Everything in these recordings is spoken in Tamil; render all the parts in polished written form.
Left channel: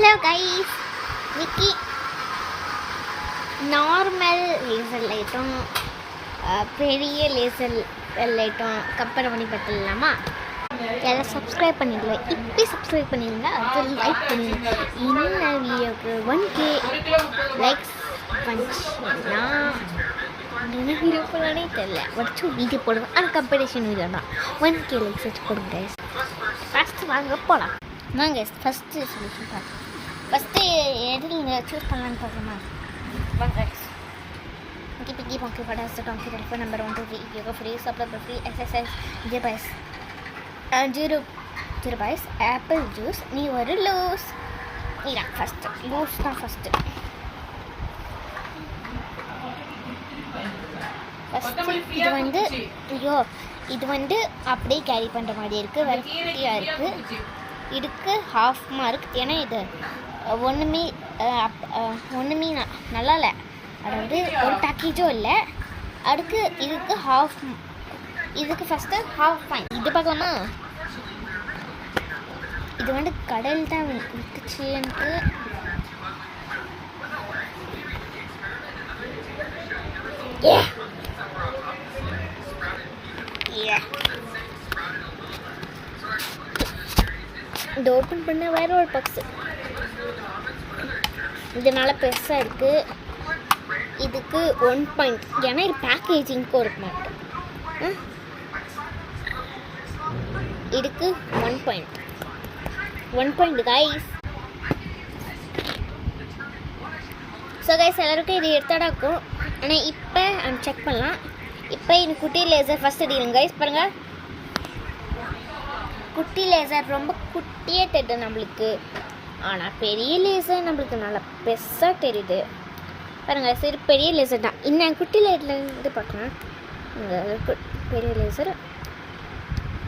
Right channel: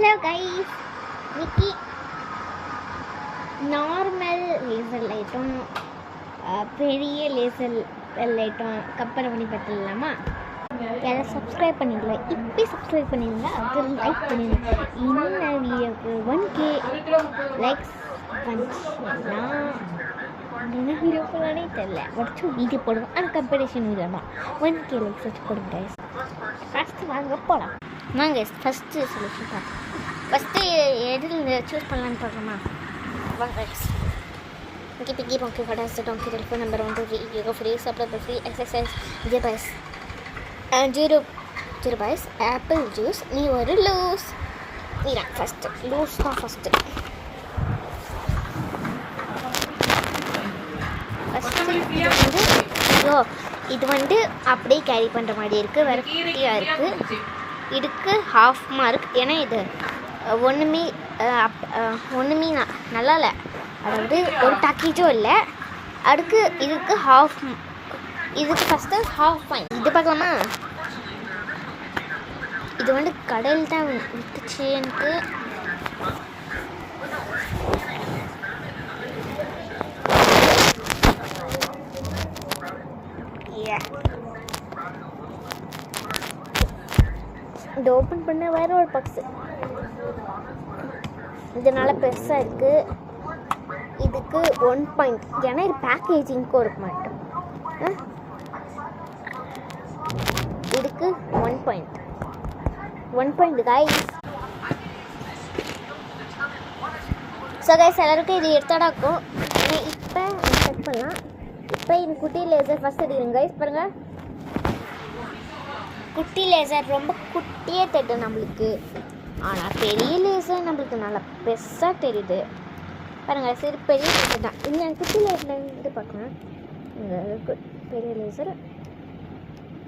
ஹலோ கைஸ், இன்னைக்கு நார்மல் லேசர் லைட்டும் பெரிய லேசர் லைட்டும் கம்பேர் பண்ணி பார்த்துடலாமா? எல்லாம் சப்ஸ்கிரைப் பண்ணிடுவேன். இப்படி சப்ஸ்கிரைப் பண்ணிடுங்க, அது லைக் பண்ணுங்க. இந்த வீடியோக்கு 1K லைக்ஸ் வந்துச்சுன்னா என்ன வீடியோ போடனே தெரியல, வச்சு வீடியோ போடுவேன். ஆனால் கம்பெடிஷன் வீடியோ தான். 1K லைக்ஸ் வச்சு கொடுங்க. ஃபஸ்ட்டு வாங்க போகலாம். வாங்க ஃபஸ்ட்டு சொல்லிச்சுப்பா. ஃபஸ்ட்டு எதில் சூஸ் பண்ணலான்னு பார்க்கலாமா? வாங்க. ஓகே, பிக்கி பாக்கி ஃபடாஸ்ட் donkey telephone number 1 2 3 yoga free supply free exercise 0 paise 0 paise apple juice. நீ ஒரு லூஸ். நீதான் ஃபஸ்ட்டு லூஸ் தான் ஃபஸ்ட்டு. இது வந்து அப்படியே கேரி பண்ணுற மாதிரி இருக்குது. வேறு குட்டியாக இருக்குது. இதுக்கு ஹாஃப் மார்க். ஏன்னா இது ஒன்றுமே நல்லா இல்லை. அதாவது ஒரு பேக்கேஜும் இல்லை. அதுக்கு இதுக்கு இதுக்கு ஃபஸ்ட்டு ஹாஃப் பாயிண்ட். இது பார்க்கலாமா? இது வந்து கடல் தான் விட்டுச்சு எனக்கு. இது ஓப்பன் பண்ண வேற ஒரு பாக்ஸு. இதனால பெருசாக இருக்குது. இதுக்கு 1 பாயிண்ட். ஏன்னா இது பேக்கேஜிங்க்கு ஒரு பாயிண்ட். இதுக்கு 1 point. 1 point guys. So guys, எல்லாருக்கும் இது எடுத்தாடாக்கும். இப்போ செக் பண்ணலாம். இப்போ இது குட்டி லேசர் ஃபஸ்ட் அடிக்கணும் கைஸ். பாருங்கள், குட்டி லேசர் ரொம்ப குட்டியே தெரியுது நம்மளுக்கு. ஆனால் பெரிய லேசர் நம்மளுக்கு நல்லா பெருசாக தெரியுது. பாருங்கள், சரி பெரிய லேசர் தான். இன்னும் குட்டி லேசர்லேருந்து பார்க்கலாம். இந்த பெரிய லேசர்.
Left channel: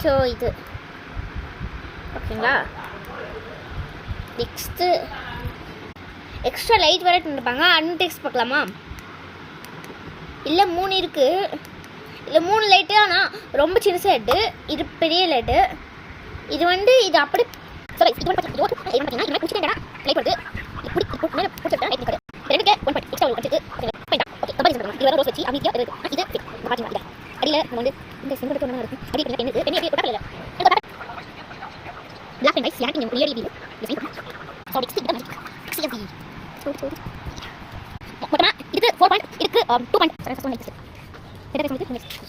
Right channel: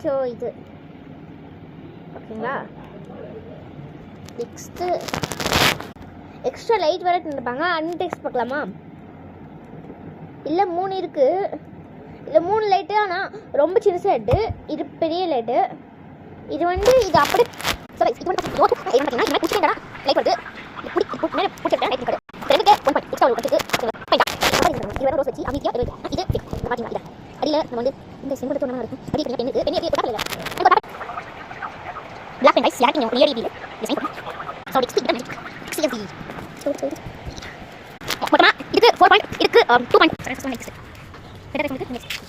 ஸோ இது ஓகேங்களா? நெக்ஸ்ட்டு எக்ஸ்ட்ரா லைட் வேறு இருப்பாங்க. அன்டெக்ஸ்ட் பார்க்கலாமா? இல்லை 3 இருக்குது. இல்லை 3 லைட்டு. ஆனால் ரொம்ப சின்னசாக லைட்டு. இது பெரிய லைட்டு. இது வந்து இது அப்படி இது வந்து பார்த்தீங்கன்னா பிடிச்சிட்டேன் லைட் வருது. பிடிச்சிட்டேன் லைட் இருக்காது. ரெண்டுக்கு 1 பாயிண்ட் எக்ஸ்ட்ரா வச்சுட்டு இது வேறு ரோஸ் வச்சு அமைதியாக இருக்குது. இது பார்த்தீங்கன்னா அடியில் நம்ம வந்து இந்த சிம்பிள் ஒன்றா இருக்கும். அடி பெண்ணுக்கு பெண்ணு எப்படி இல்லை பிளாக் அண்ட் வைஸ் யாருக்கு நீங்கள் ஏறி ஸோ எக்ஸ்பீரியன்ஸ் மொத்தமாக இதுக்கு 4 பாயிண்ட், இதுக்கு 2 பாயிண்ட். நெக்ஸ்ட்